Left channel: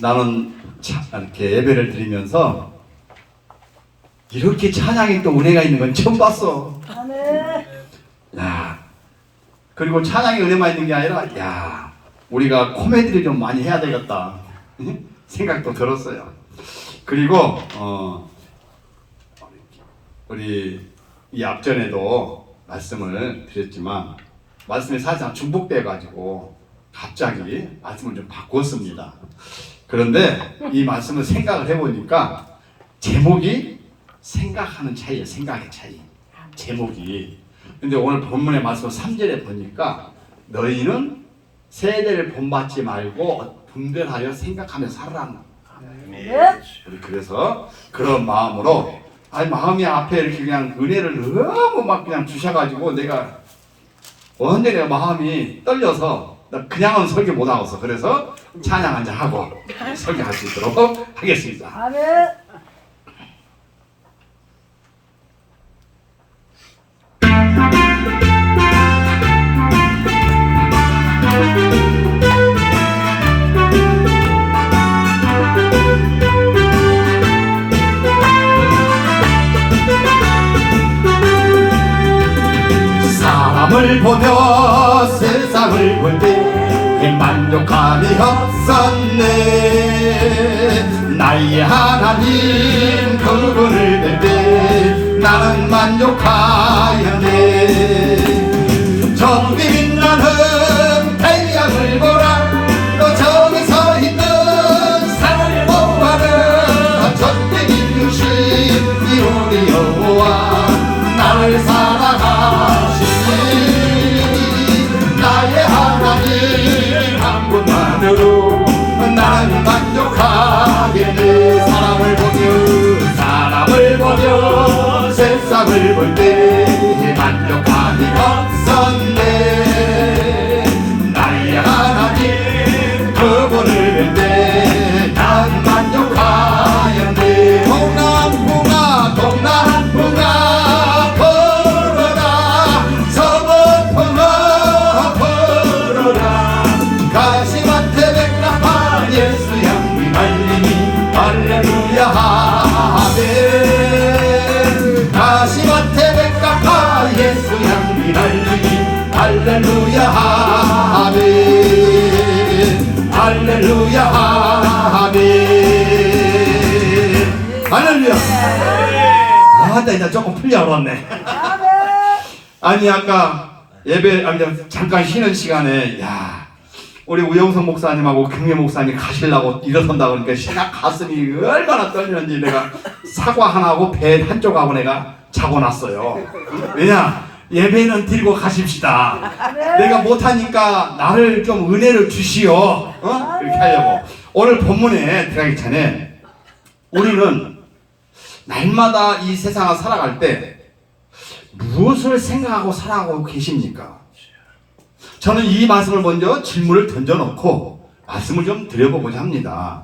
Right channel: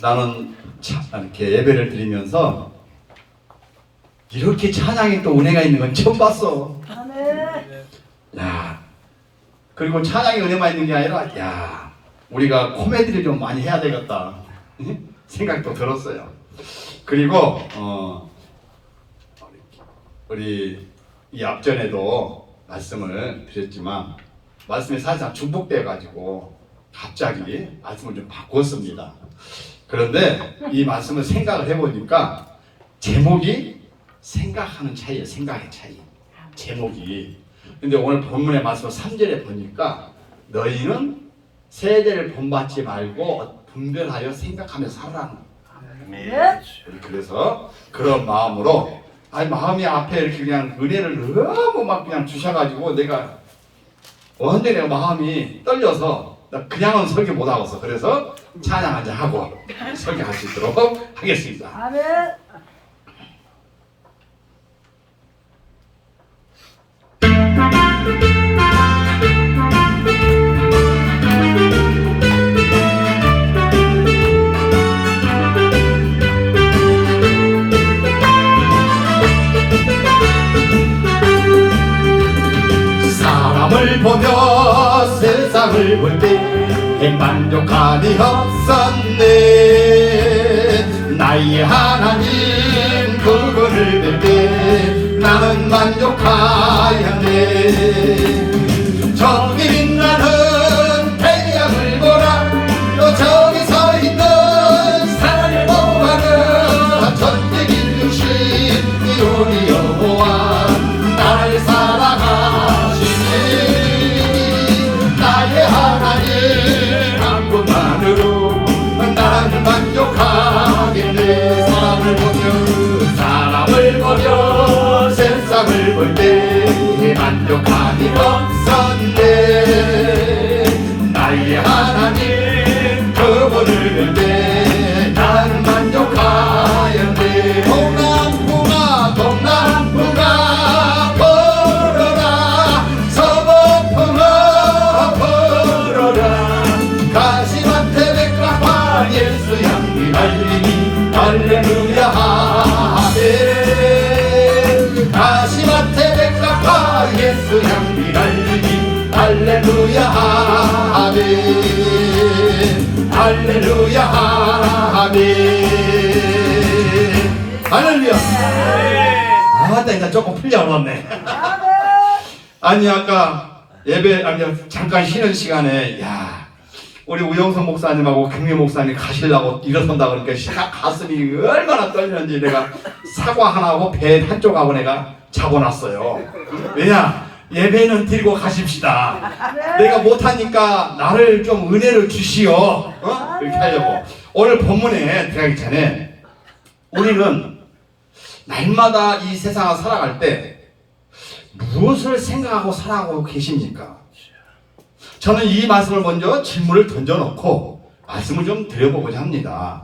나는 이렇게 예배를 드리면서 이렇게 찬양에 또 은혜가 있는 건 처음 봤어. 야, 그리고 찬양에 은혜만 있는 게 아니라, 야, 우리가 코미디를 좀 많이 해야 되겠다 생각도 들었어요. 그리고 우리 이 앞전에도 말씀을 드렸지만 말씀이 사실상 중복돼 가지고 갑자기 말씀을 좀 바꿨습니다. 그런데 이 말씀을 생각을 해보니까 제목이 생각하는 차이예요. 생각의 차이. 제목이. 근데 오늘 본문의 말씀 3절에 보니까 너희는 세대를 본받지 말고 분별하여 생각하며 살아라. 그래서 그런 마음으로 마음이 앞에 이렇게 그냥 은혜를 너무 막 그냥 주셔가지고 내가 완전히 마음이 떨려서 그냥은 설교 못하겠어. 그래서 찬양 한잔 하고 설교할 수 있도록 하겠습니다. 아멘. 사람을 보며 세상을 볼 때 만족함이 없었네. 나의 하나님 그분을 볼 때 나는 만족하였네. 저기 빛나는 태양을 보라. 또 저기 서 있는 산을 보아라. 전대 기르신 이 우리 여호와 나를 사랑하시니 나의 하나님 한 분만으로 나는 만족하겠네. 사람을 보며 세상을 볼 때 만족함이 없었네. 나의 하나님 그분을 볼 때 나는 만족하였네. 동남풍아 동남풍아 불어라. 서북풍아 불어라. 가시밭에 백합화 예수 향기 날리니 할렐루야 하멘. 가시밭에 백합화 예수 향기 날리니 할렐루야 하멘. 할렐루야 하멘. 할렐루야. 나 이제 조금 풀려왔네. 아니 아까 예배 잠깐 쉬는 시간에 우리 우영성 목사님하고 경혜 목사님 가시려고 일어선다 그러니까 제가 가슴이 얼마나 떨리는지 내가 사과 하나하고 배 한쪽하고 내가 잡아놨어요. 왜냐? 예배는 드리고 가십시다. 내가 못하니까 나를 좀 은혜를 주시오. 그렇게 하려고. 오늘 본문에 들어가기 전에 우리는 날마다 이 세상을 살아갈 때 무엇을 생각하고 살아가고 계십니까? 저는 이 말씀을 먼저 질문을 던져놓고 말씀을 좀 드려보고자 합니다.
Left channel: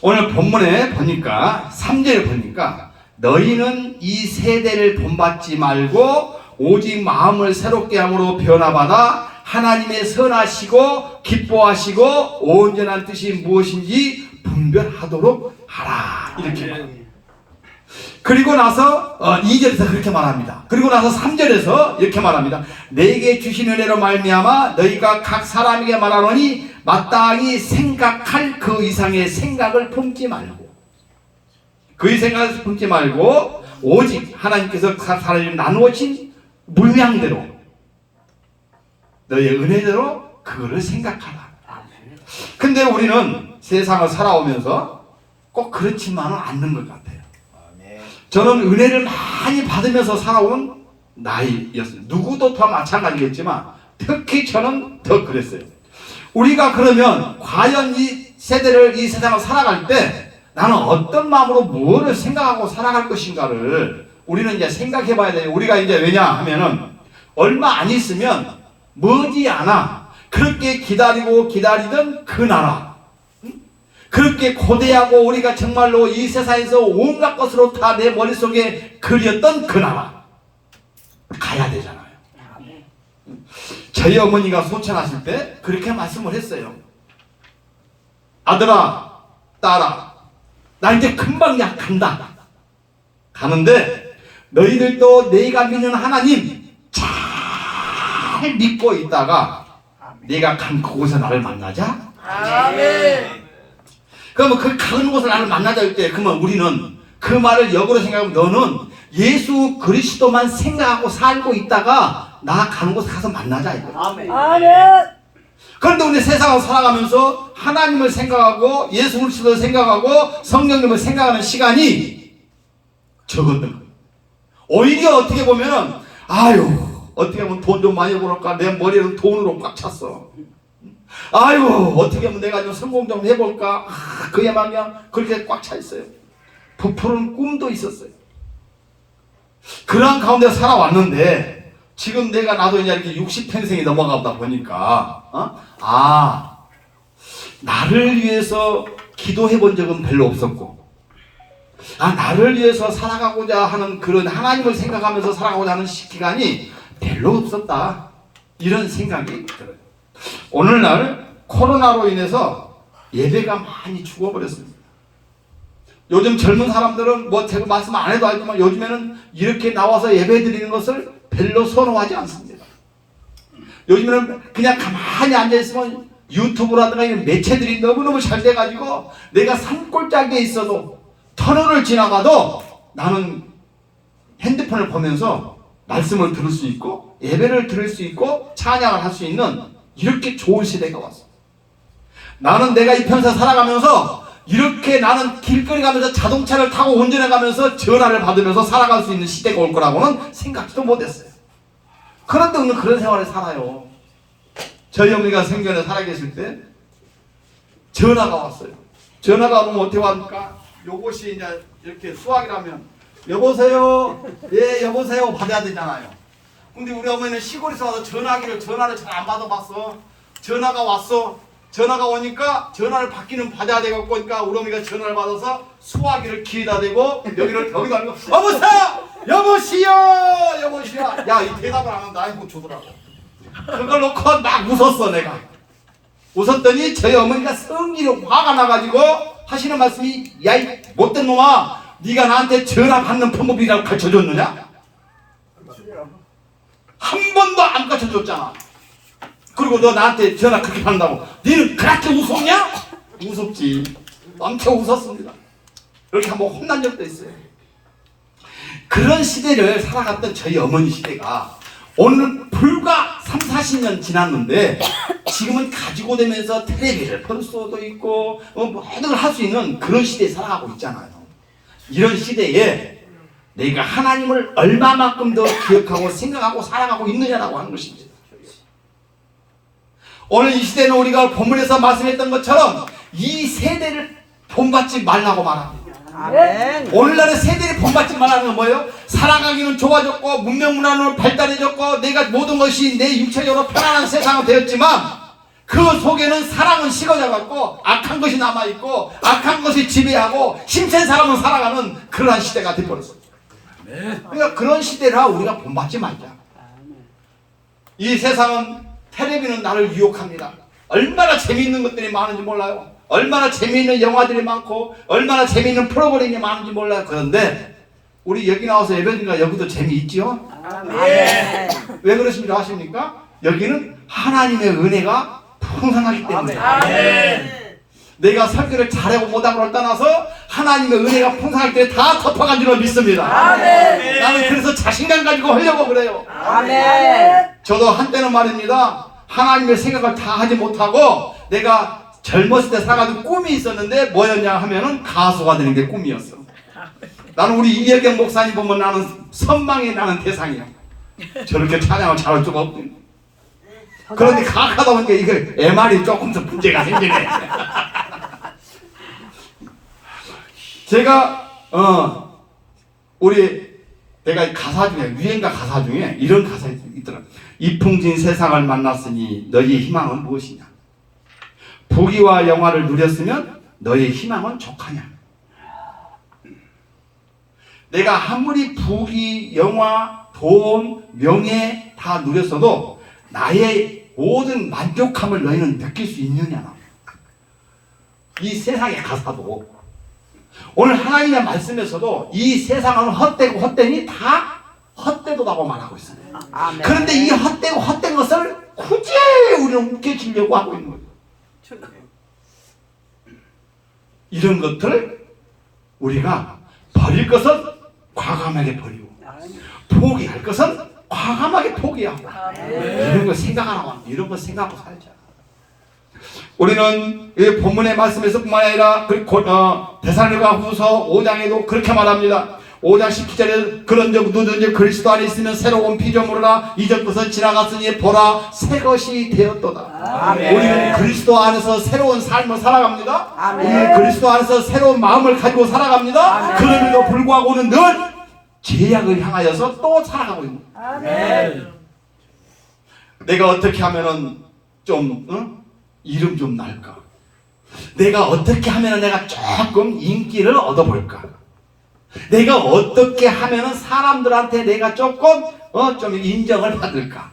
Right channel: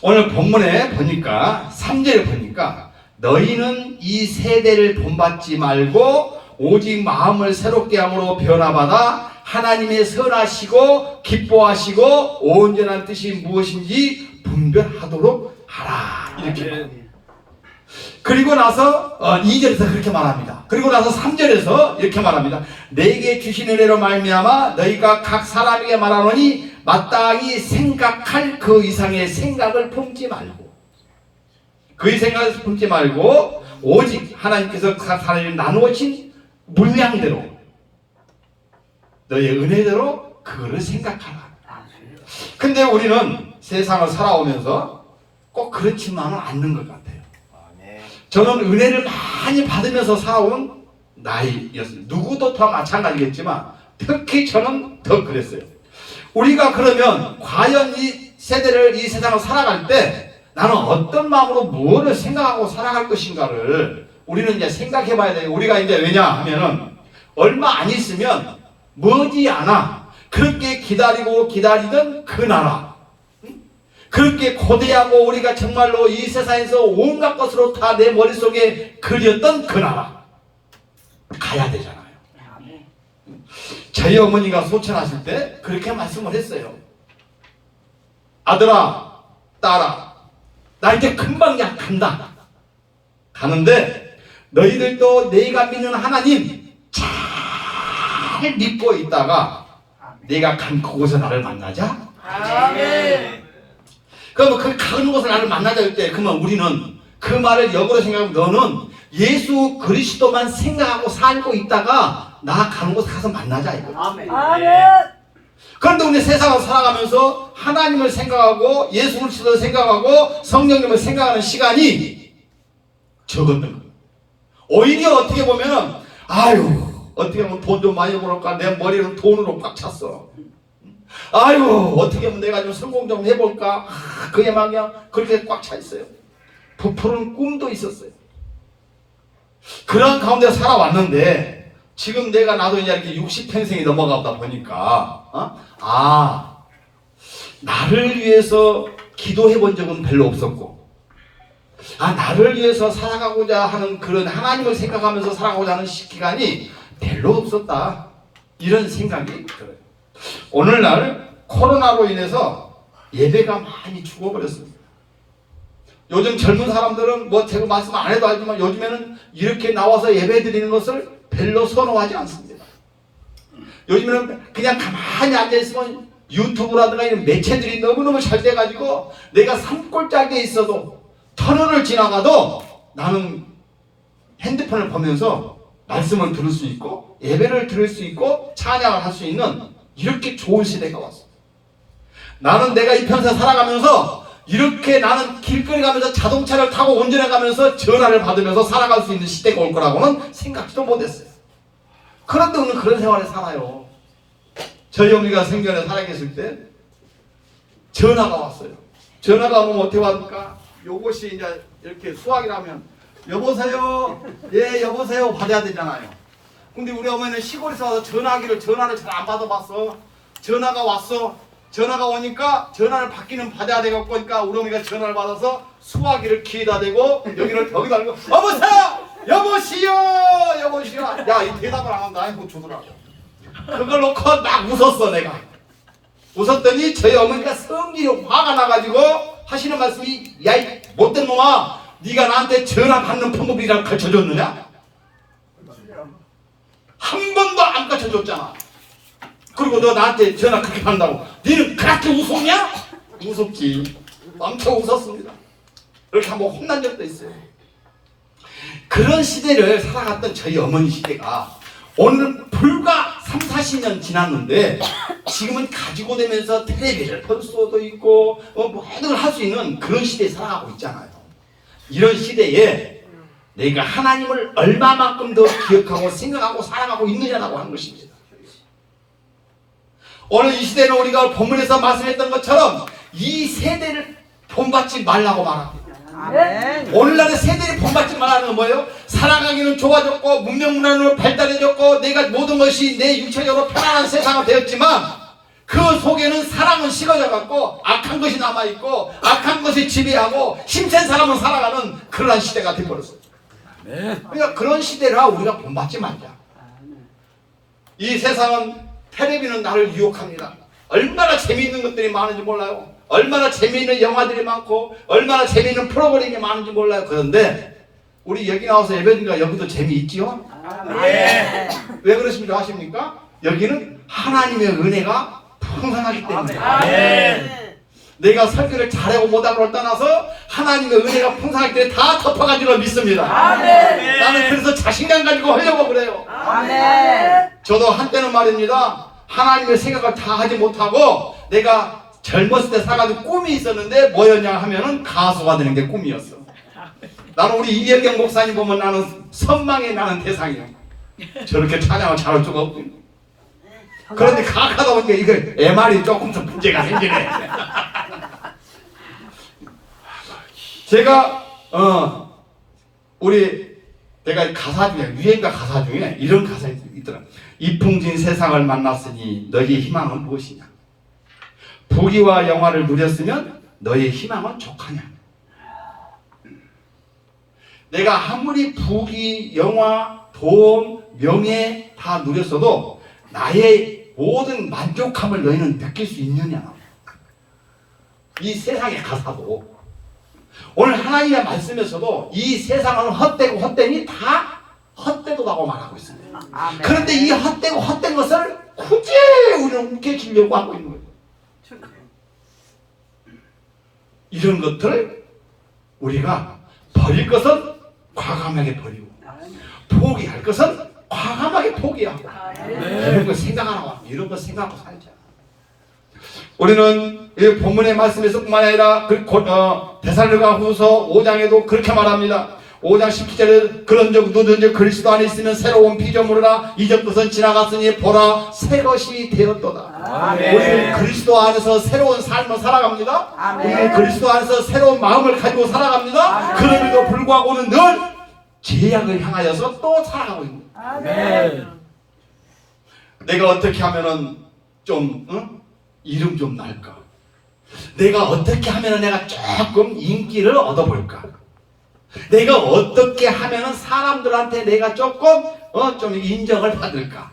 오늘 본문에 보니까 3절에 보니까 너희는 이 세대를 본받지 말고 오직 마음을 새롭게 함으로 변화받아 하나님의 선하시고 기뻐하시고 온전한 뜻이 무엇인지 분별하도록 하라. 이렇게 말합니다. 그리고 나서 2절에서 그렇게 말합니다. 그리고 나서 3절에서 이렇게 말합니다. 내게 주신 은혜로 말미암아 너희가 각 사람에게 말하노니 마땅히 생각할 그 이상의 생각을 품지 말고 그의 생각을 품지 말고 오직 하나님께서 각 사람에게 나누어진 물량대로 너희의 은혜대로 그거를 생각하라. 근데 우리는 세상을 살아오면서 꼭 그렇지만은 않는 것 같아요. 저는 은혜를 많이 받으면서 살아온 나이였습니다. 누구도 다 마찬가지겠지만 특히 저는 더 그랬어요. 우리가 그러면 과연 이 세대를 이 세상을 살아갈 때 나는 어떤 마음으로 무엇을 생각하고 살아갈 것인가를 우리는 이제 생각해 봐야 돼요. 우리가 이제 왜냐 하면은 얼마 안 있으면 머지않아 그렇게 기다리고 기다리던 그 나라, 그렇게 고대하고 우리가 정말로 이 세상에서 온갖 것으로 다 내 머릿속에 그렸던 그 나라 가야 되잖아요. 저희 어머니가 소천하실 때 그렇게 말씀을 했어요. 아들아, 따라. 나 이제 금방 약한다. 가는데 너희들도 내가 믿는 하나님 잘 믿고 있다가 내가 간 그곳에 나를 만나자. 아멘. 그러면 그 가는 곳에 나를 만나자 할 때 그러면 우리는 그 말을 역으로 생각하면 너는 예수 그리스도만 생각하고 살고 있다가 나 가는 곳에 가서 만나자 이거. 아멘. 그런데 우리 세상을 살아가면서 하나님을 생각하고 예수 그리스도를 생각하고 성령님을 생각하는 시간이 적었던 거예요. 오히려 어떻게 보면은 아유 어떻게 하면 돈 좀 많이 벌을까 내 머리는 돈으로 꽉 찼어. 아유 어떻게 하면 내가 좀 성공 좀 해볼까 그에만 그냥 그렇게 꽉 차 있어요. 부풀은 꿈도 있었어요. 그런 가운데 살아왔는데 지금 내가 나도 이제 이렇게 60평생이 넘어가다 보니까 나를 위해서 기도해 본 적은 별로 없었고 나를 위해서 살아가고자 하는 그런 하나님을 생각하면서 살아가고자 하는 기간이 별로 없었다 이런 생각이 들어요. 오늘날 코로나로 인해서 예배가 많이 죽어버렸습니다. 요즘 젊은 사람들은 뭐 제가 말씀 안 해도 알지만 요즘에는 이렇게 나와서 예배 드리는 것을 별로 선호하지 않습니다. 요즘에는 그냥 가만히 앉아있으면 유튜브라든가 이런 매체들이 너무너무 잘 돼가지고 내가 산골짜기에 있어도 터널을 지나가도 나는 핸드폰을 보면서 말씀을 들을 수 있고 예배를 들을 수 있고 찬양을 할 수 있는 이렇게 좋은 시대가 왔습니다. 나는 내가 이 편사 살아가면서 이렇게 나는 길거리 가면서 자동차를 타고 운전해 가면서 전화를 받으면서 살아갈 수 있는 시대가 올 거라고는 생각도 못했어요. 그런데 오늘 그런 생활을 살아요. 저희 어머니가 생전에 살아계실 때 전화가 왔어요. 전화가 오면 어떻게 왔을까? 요것이 이제 이렇게 수학이라면 여보세요? 예 여보세요 받아야 되잖아요. 근데 우리 어머니는 시골에서 와서 전화를 잘 안 받아봤어. 전화가 왔어. 전화가 오니까 전화를 받아야 되겠고 그러니까 우리 어머니가 전화를 받아서 수화기를 귀에다 대고 여기다 대고 여보세요 여보시오 야 이 대답을 안 한다 못 주더라고. 그걸 놓고 막 웃었어. 내가 웃었더니 저희 어머니가 성질이 화가 나가지고 하시는 말씀이 야 이 못된 놈아 네가 나한테 전화 받는 방법이라고 가르쳐줬느냐? 한 번도 안 가르쳐줬잖아. 그리고 너 나한테 전화 그렇게 받는다고 너는 그렇게 웃었냐? 웃었지. 엄청 웃었습니다. 이렇게 한번 혼난 적도 있어요. 그런 시대를 살아갔던 저희 어머니 시대가 오늘 불과 30-40년 지났는데 지금은 가지고 되면서 텔레비를 볼 수도 있고 뭐든 할 수 있는 그런 시대에 살아가고 있잖아요. 이런 시대에 내가 하나님을 얼마만큼 더 기억하고 생각하고 사랑하고 있느냐라고 하는 것입니다. 오늘 이 시대는 우리가 본문에서 말씀했던 것처럼 이 세대를 본받지 말라고 말합니다. 아멘. 오늘날의 세대를 본받지 말라는 건 뭐예요? 살아가기는 좋아졌고 문명문화로 발달해졌고 내가 모든 것이 내 육체적으로 편안한 세상은 되었지만 그 속에는 사랑은 식어져갖고 악한 것이 남아있고 악한 것이 지배하고 힘센 사람은 살아가는 그러한 시대가 되어버렸어요. 그러니까 그런 시대라 우리가 본받지 말자. 이 세상은 텔레비는 나를 유혹합니다. 얼마나 재미있는 것들이 많은지 몰라요. 얼마나 재미있는 영화들이 많고 얼마나 재미있는 프로그램이 많은지 몰라요. 그런데 우리 여기 나와서 예배드리니까 여기도 재미있지요? 네. 왜 그러십니까? 아십니까? 여기는 하나님의 은혜가 풍성하기 때문에 내가 설교를 잘하고 못하고를 떠나서 하나님의 은혜가 풍성하기 때문에 다 덮어간 줄로 믿습니다. 나는 그래서 자신감 가지고 하려고 그래요. 저도 한때는 말입니다. 하나님의 생각을 다 하지 못하고 내가 젊었을 때 살아가던 꿈이 있었는데 뭐였냐 하면은 가수가 되는 게 꿈이었어. 나는 우리 이혜경 목사님 보면 나는 선망이 나는 대상이야. 저렇게 찬양을 잘할 수가 없거든. 그런데 가하다 보니까 이거 MR이 조금 더 문제가 생기네. 제가 내가 가사 중에 유행가 가사 중에 이런 가사 있더라. 이풍진 세상을 만났으니 너희의 희망은 무엇이냐? 부귀와 영화를 누렸으면 너희의 희망은 족하냐? 내가 아무리 부귀, 영화, 돈, 명예 다 누렸어도 나의 모든 만족함을 너희는 느낄 수 있느냐? 이 세상에 가서도 오늘 하나님의 말씀에서도 이 세상은 헛되고 헛되니 다 헛되도라고 말하고 있습니다. 아멘. 그런데 이 헛되고 헛된 것을 굳이 우리는 웃겨주려고 하고 있는 거예요. 이런 것들을 우리가 버릴 것은 과감하게 버리고 포기할 것은 과감하게 포기하고 이런 거 생각하라고 합니다. 이런 거 생각하고 살자. 우리는 이 본문의 말씀에서 뿐만 아니라 데살로니가후서 5장에도 그렇게 말합니다. 5장 17절에 그런즉 누구든지 그리스도 안에 있으면 새로운 피조물이라 이전 것은 지나갔으니 보라 새 것이 되었도다. 아멘. 우리는 그리스도 안에서 새로운 삶을 살아갑니다. 아멘. 우리는 그리스도 안에서 새로운 마음을 가지고 살아갑니다. 그럼에도 불구하고는 늘 죄악을 향하여서 또 살아가고 있는 거예요. 아멘. 내가 어떻게 하면은 좀 이름 좀 날까? 내가 어떻게 하면은 내가 조금 인기를 얻어볼까? 내가 어떻게 하면은 사람들한테 내가 조금 좀 인정을 받을까?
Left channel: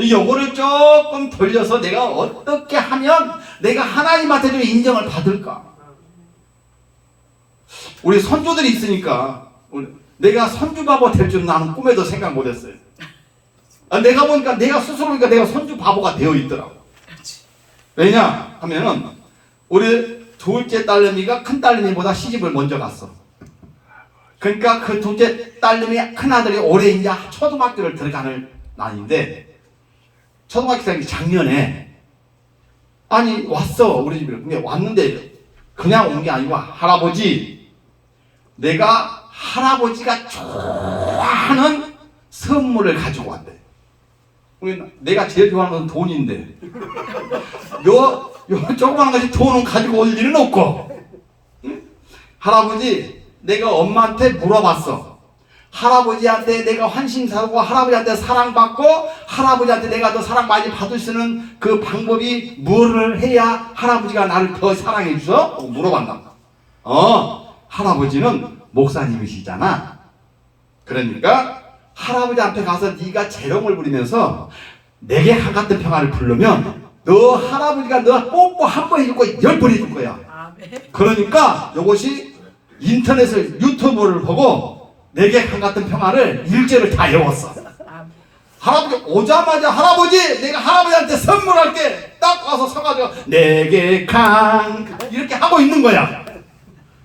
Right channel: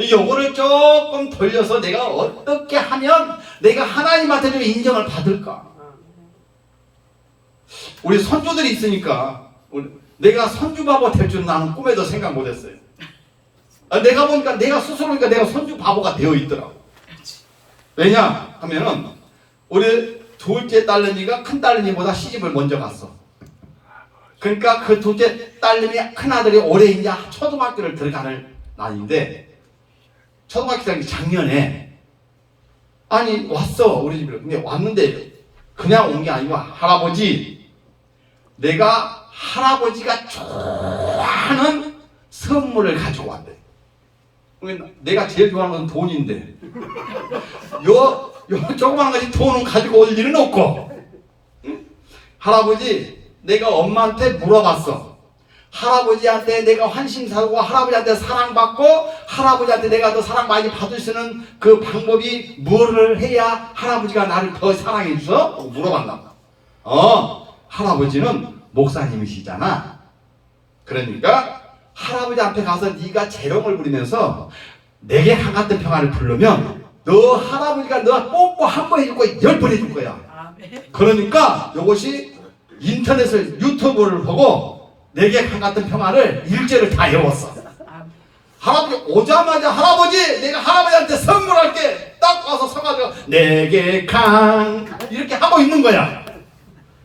요거를 조금 돌려서 내가 어떻게 하면 내가 하나님한테 좀 인정을 받을까? 우리 손주들이 있으니까 내가 손주바보 될 줄 나는 꿈에도 생각 못했어요. 내가 보니까 내가 스스로 보니까 내가 손주 바보가 되어 있더라고. 왜냐 하면은 우리 둘째 딸내미가 큰 딸내미보다 시집을 먼저 갔어. 그러니까 그 둘째 딸내미 큰 아들이 올해 이제 초등학교를 들어가는 나이인데 초등학교 작년에 아니 왔어 우리 집에. 근데 왔는데 그냥 온 게 아니고 할아버지 내가 할아버지가 좋아하는 선물을 가지고 왔대. 내가 제일 좋아하는 건 돈인데 요 조그만 가지 돈은 가지고 올 일은 없고 응? 할아버지 내가 엄마한테 물어봤어. 할아버지한테 내가 환심 사고 할아버지한테 사랑받고 할아버지한테 내가 더 사랑 많이 받을 수 있는 그 방법이 뭐를 해야 할아버지가 나를 더 사랑해 주셔? 물어봤나? 할아버지는 목사님이시잖아. 그러니까 할아버지 앞에 가서 네가 재롱을 부리면서 내게 한같은 평화를 부르면 너 할아버지가 너 뽀뽀 한 번 해줄 거야 10번 해줄 거야. 그러니까 이것이 인터넷을 유튜브를 보고 내게 한같은 평화를 일제를 다 외웠어. 할아버지 오자마자 할아버지 내가 할아버지한테 선물할게 딱 와서 서가지고 내게 강 이렇게 하고 있는 거야.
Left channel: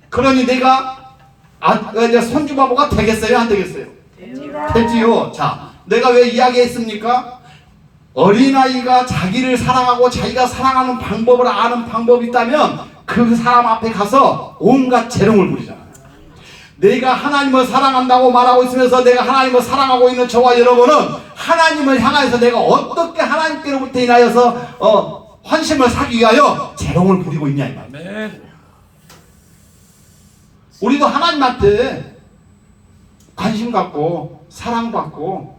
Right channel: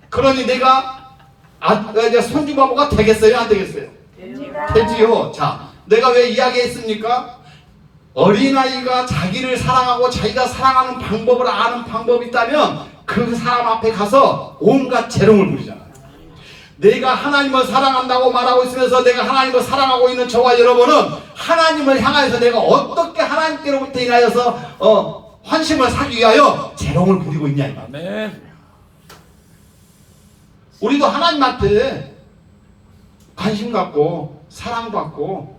그러니 내가 이제 손주 바보가 되겠어요 안 되겠어요? 되지요. 자, 내가 왜 이야기했습니까? 어린아이가 자기를 사랑하고 자기가 사랑하는 방법을 아는 방법이 있다면 그 사람 앞에 가서 온갖 재롱을 부리잖아요. 내가 하나님을 사랑한다고 말하고 있으면서 내가 하나님을 사랑하고 있는 저와 여러분은 하나님을 향하여서 내가 어떻게 하나님께로부터 인하여서 환심을 사기 위하여 재롱을 부리고 있냐 이 말이에요. 우리도 하나님한테 관심 갖고 사랑받고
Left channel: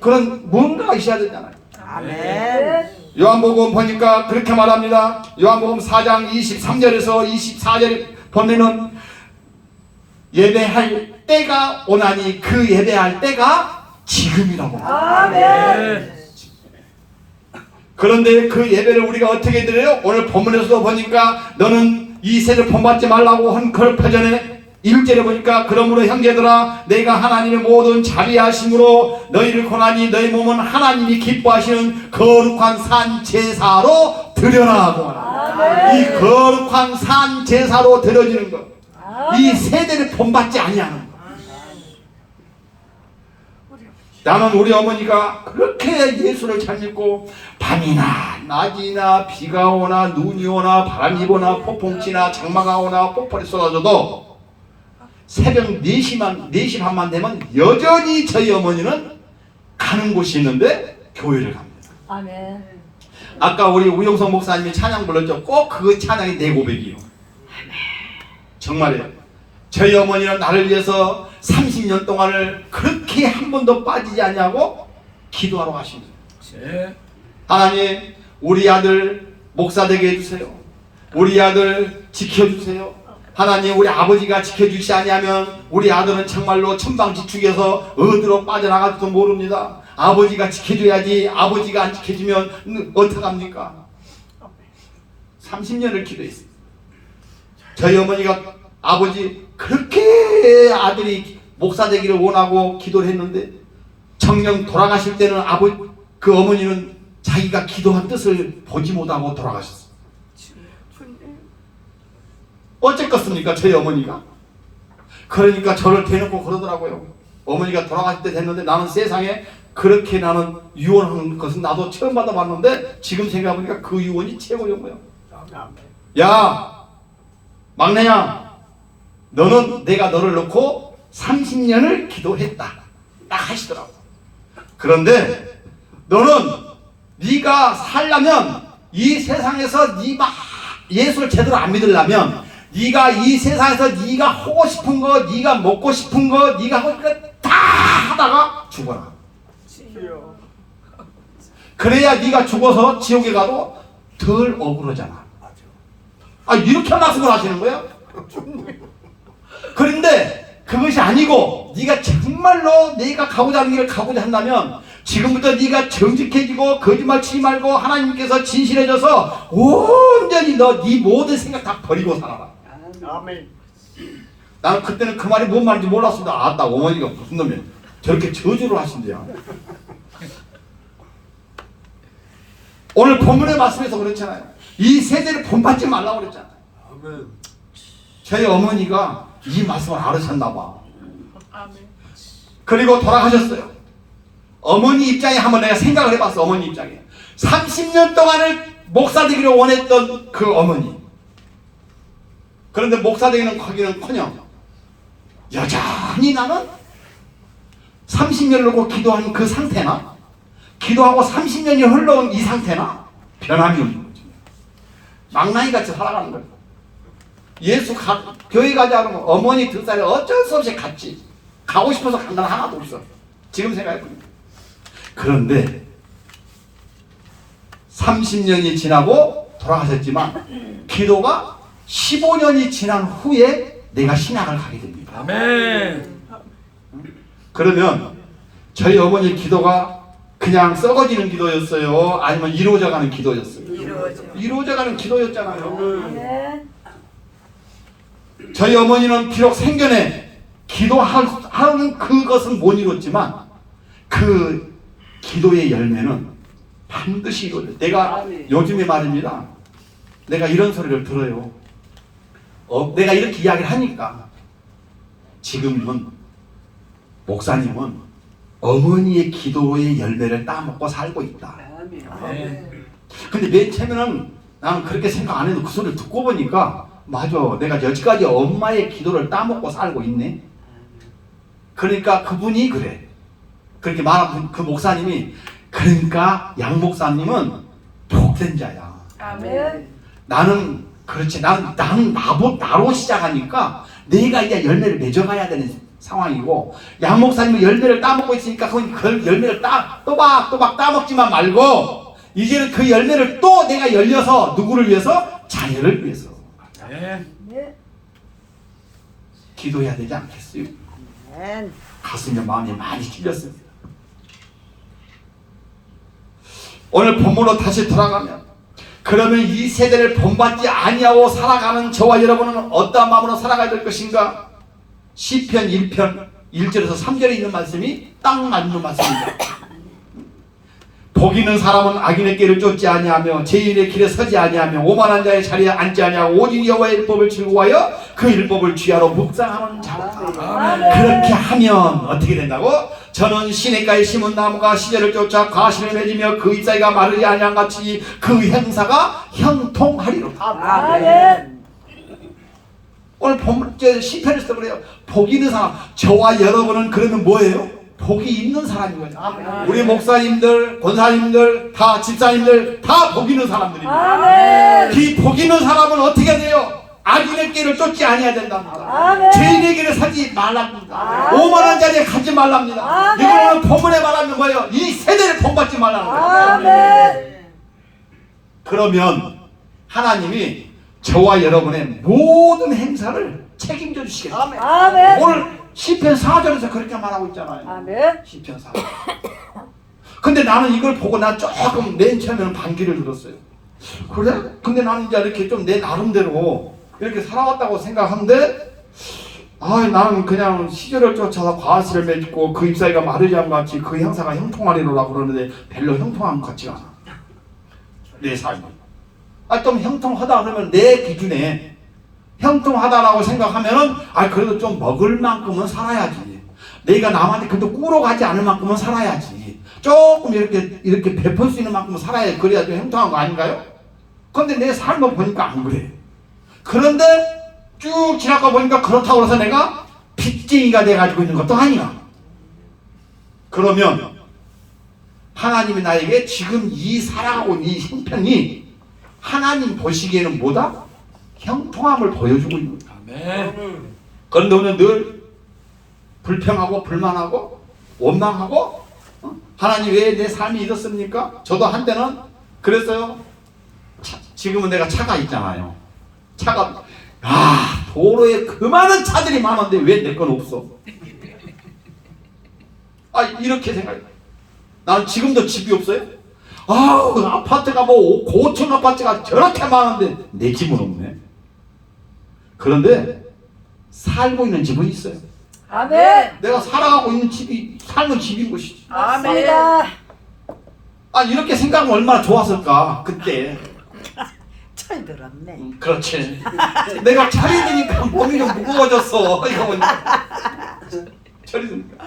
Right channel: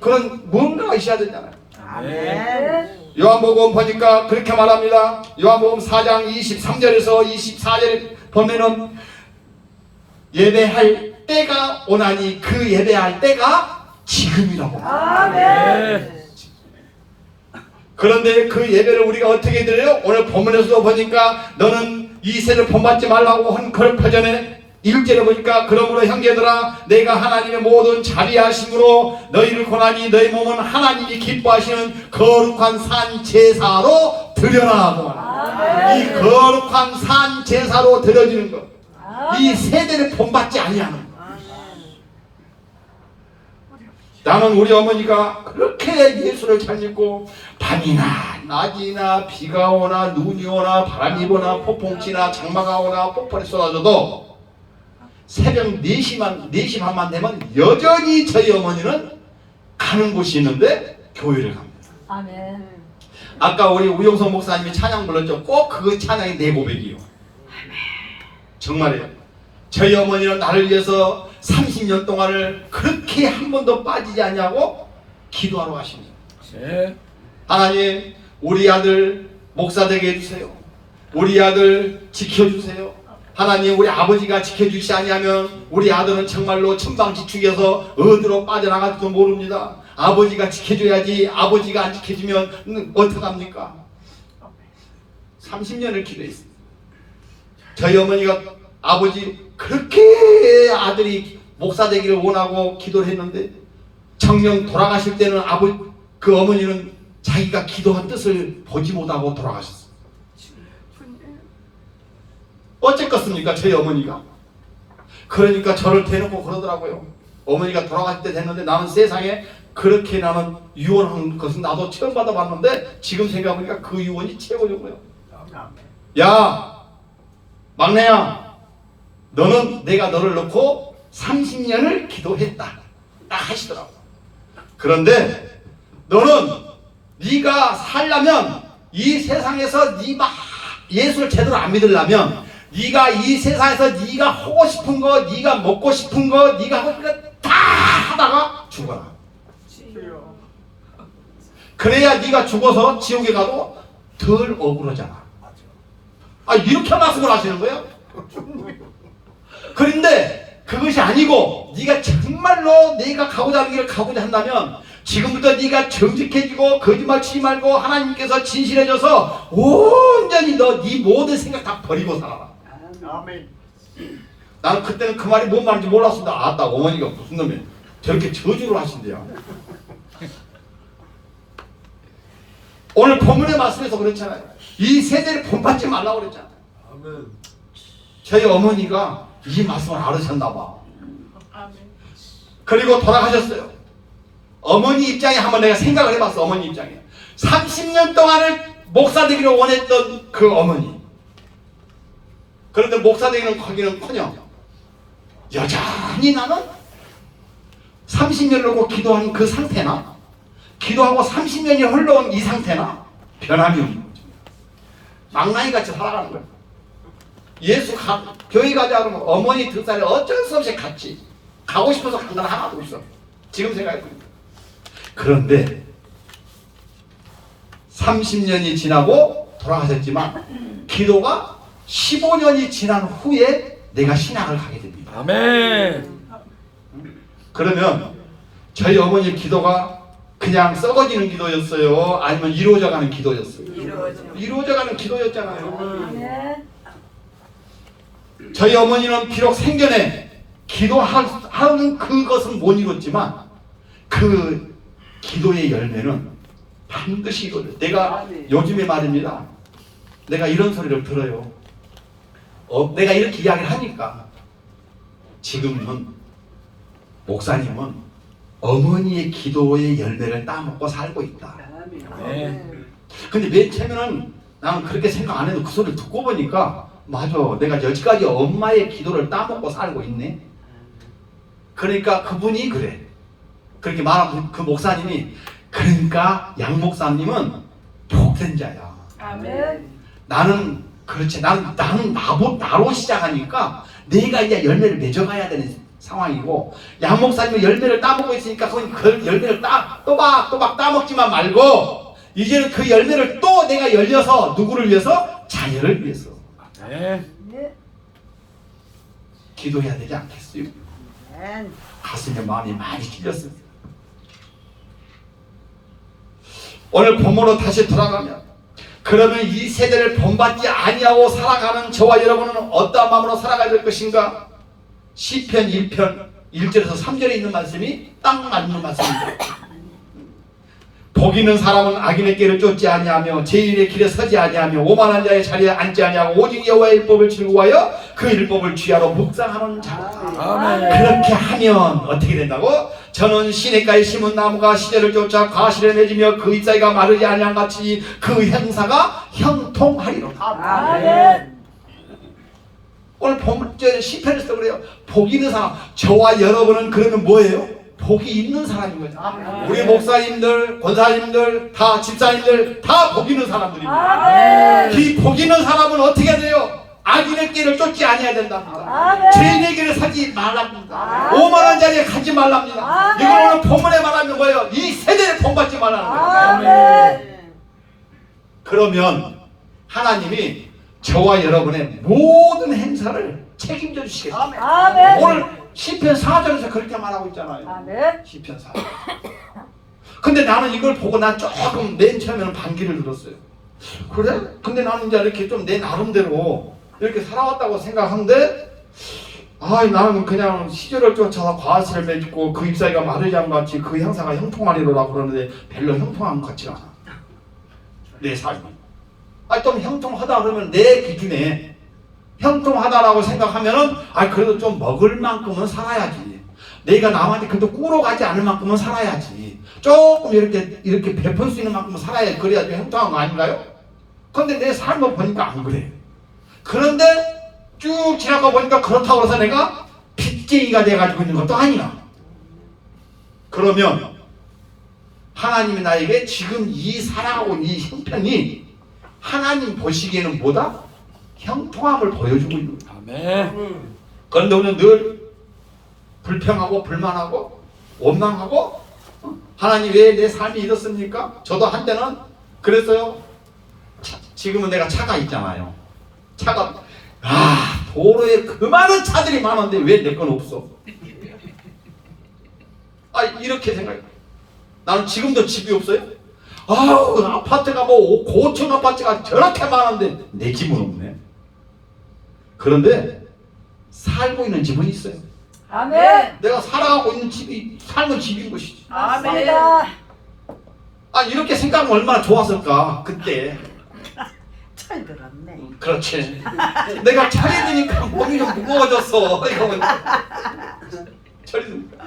그런 뭔가가 있어야 되잖아요. 아멘. 요한복음 보니까 그렇게 말합니다. 요한복음 4장 23절에서 24절에 보면은 예배할 때가 오나니 그 예배할 때가 지금이라고 말합니다. 그런데 그 예배를 우리가 어떻게 드려요? 오늘 본문에서도 보니까 너는 이 세를 본받지 말라고 한 그 표전에 1절에 보니까 그러므로 형제들아 내가 하나님의 모든 자비하심으로 너희를 고나니 너희 몸은 하나님이 기뻐하시는 거룩한 산 제사로 드려라 하고 말합니다. 이 거룩한 산 제사로 드려지는 것, 이 세대를 본받지 아니하는 것. 나는 우리 어머니가 그렇게 예수를 잘 믿고 밤이나 낮이나 비가 오나 눈이 오나 바람이 오나 폭풍치나 장마가 오나 폭풍이 쏟아져도 새벽 4시 반만 되면 여전히 저희 어머니는 가는 곳이 있는데 교회를 갑니다. 아멘. 아까 우리 우영성 목사님이 찬양 불렀죠. 꼭 그 찬양이 내 고백이요. 정말이에요. 저희 어머니는 나를 위해서 30년 동안을 그렇게 한 번도 빠지지 않냐고 기도하러 가십니다. 하나님 우리 아들 목사 되게 해주세요. 우리 아들 지켜주세요. 하나님 우리 아버지가 지켜주시지 아니하면 우리 아들은 정말로 천방지축에서 어디로 빠져나갈지도 모릅니다. 아버지가 지켜줘야지 아버지가 안 지켜주면 어떡합니까? 30년을 기도했습니다. 저희 어머니가 아버지 그렇게 아들이 목사 되기를 원하고 기도를 했는데 정녕 돌아가실 때는 그 어머니는 자기가 기도한 뜻을 보지 못하고 돌아가셨어요. 어쨌겠습니까 저희 어머니가. 그러니까 저를 대놓고 그러더라고요. 어머니가 돌아가실 때 됐는데 나는 세상에 그렇게 나는 유언하는 것은 나도 처음 받아봤는데 지금 생각해보니까 그 유언이 최고인 거예요. 야 막내야, 너는 내가 너를 놓고 30년을 기도했다 딱 하시더라고. 그런데 너는 네가 살려면 이 세상에서 네가 예수를 제대로 안 믿으려면 네가 이 세상에서 네가 하고 싶은 거, 네가 먹고 싶은 거, 네가 하고 싶은 거 다 하다가 죽어라. 그래야 네가 죽어서 지옥에 가도 덜 억울하잖아. 이렇게 말씀을 하시는 거예요? 그런데 그것이 아니고 네가 정말로 네가 가고자 하는 길을 가고자 한다면 지금부터 네가 정직해지고 거짓말 치지 말고 하나님께서 진실해져서 온전히 네 모든 생각 다 버리고 살아라. 아멘. 나는 그때는 그 말이 뭔 말인지 몰랐습니다. 아따 어머니가 무슨 놈이야 저렇게 저주를 하신대요. 오늘 본문의 말씀에서 그렇잖아요. 이 세대를 본받지 말라고 그랬잖아요. 아멘. 저희 어머니가 이 말씀을 알으셨나 봐. 그리고 돌아가셨어요. 어머니 입장에 한번 내가 생각을 해봤어. 어머니 입장에 30년 동안을 목사 되기를 원했던 그 어머니. 그런데 목사 되기는 커기는커녕 여전히 나는 30년을 놓고 기도한 그 상태나 기도하고 30년이 흘러온 이 상태나 변함이 없는 거죠. 망나니같이 살아가는 거예요. 교회 가자 그러면 어머니 등살에 어쩔 수 없이 갔지. 가고 싶어서 간 건 하나도 없어. 지금 생각해보니까. 그런데 30년이 지나고 돌아가셨지만 기도가 15년이 지난 후에 내가 신학을 가게 됩니다. 아멘. 그러면 저희 어머니 기도가 그냥 썩어지는 기도였어요? 아니면 이루어져가는 기도였어요? 이루어져가는 기도였잖아요. 저희 어머니는 비록 생전에 기도하는 그것은 못 이뤘지만 그 기도의 열매는 반드시 이루어져요. 내가 요즘에 말입니다. 내가 이런 소리를 들어요. 내가 이렇게 이야기를 하니까 지금은 목사님은 어머니의 기도의 열매를 따먹고 살고 있다. 근데 맨 처음에는 나는 그렇게 생각 안 해도 그 소리를 듣고 보니까 맞아, 내가 여지까지 엄마의 기도를 따먹고 살고 있네. 그러니까 그분이 그래. 그렇게 말한 그 목사님이 그러니까 양 목사님은 복된 자야. 아멘. 나는 그렇지. 나로 시작하니까 내가 이제 열매를 맺어가야 되는 상황이고 양 목사님은 열매를 따먹고 있으니까 그 열매를 또박 따먹지만 말고 이제는 그 열매를 또 내가 열려서 누구를 위해서? 자녀를 위해서. 네. 기도해야 되지 않겠어요? 아멘. 가슴에 마음이 많이 찔렸습니다. 오늘 본문으로 다시 돌아가면 그러면 이 세대를 본받지 아니하고 살아가는 저와 여러분은 어떠한 마음으로 살아가야 될 것인가? 시편 1편 1절에서 3절에 있는 말씀이 딱 맞는 말씀입니다. 복 있는 사람은 악인의 길을 쫓지 아니하며 죄인의 길에 서지 아니하며 오만한 자의 자리에 앉지 아니하고 오직 여호와의 율법을 즐거워하여 그 율법을 주야로 묵상하는 자라. 그렇게 하면 어떻게 된다고? 저는 시냇가에 심은 나무가 시절을 쫓아 과실을 맺으며 그 잎사귀가 마르지 아니한 같이 그 형사가 형통하리로다. 아멘. 오늘 본문 시편에서 그래요. 복 있는 사람. 저와 여러분은 그러면 뭐예요? 복이 있는 사람인 거죠. 우리 목사님들, 권사님들, 다 집사님들 다 복 있는 사람들입니다. 이 복 있는 사람은 어떻게 돼요? 악인의 길을 쫓지 아니해야 된답니다. 죄인의 길을 사지 말랍니다. 오만한 자리에 가지 말랍니다. 이걸 오늘 본문에 말하는 거예요. 이 세대를 본받지 말라는 거예요. 그러면 하나님이 저와 여러분의 모든 행사를 책임져 주시겠습니다. 오늘 시편 4절에서 그렇게 말하고 있잖아요. 시편 4절. 근데 나는 이걸 보고 난 조금 맨 처음에는 반기를 들었어요. 그래? 근데 나는 이제 이렇게 좀 내 나름대로 이렇게 살아왔다고 생각하는데 나는 그냥 시절을 쫓아서 과실을 맺고 그 잎사귀가 마르지 않은 같이 그 형사가 형통하리로라 그러는데 별로 형통한 것 같지가 않아. 내 삶이. 좀 형통하다 그러면 내 기준에 형통하다라고 생각하면은 그래도 좀 먹을 만큼은 살아야지. 내가 남한테 그래도 꾸러가지 않을 만큼은 살아야지. 조금 이렇게 베풀 수 있는 만큼은 살아야지. 그래야 좀 형통한 거 아닌가요? 근데 내 삶을 보니까 안 그래. 그런데 쭉 지나가 보니까 그렇다고 해서 내가 빚쟁이가 돼가지고 있는 것도 아니야. 그러면 하나님이 나에게 지금 이 살아가고 이 형편이 하나님 보시기에는 뭐다? 형통함을 보여주고 있는 거야. 아멘. 그런데 오늘 늘 불평하고 불만하고 원망하고 하나님 왜 내 삶이 이렇습니까? 저도 한때는 그랬어요. 지금은 내가 차가 있잖아요. 차가 도로에 그 많은 차들이 많은데 왜 내 건 없어? 이렇게 생각해. 나는 지금도 집이 없어요. 아파트가 뭐 고층 아파트가 저렇게 많은데 내 집은 없네. 그런데 살고 있는 집은 있어요. 아멘. 내가 살아가고 있는 집이 삶은 집인 것이지. 아멘. 이렇게 생각하면 얼마나 좋았을까 그때. 철 들었네. 그렇지. 내가 철이 드니까 몸이 좀 무거워졌어. 이거 보니까. 철이 드니까.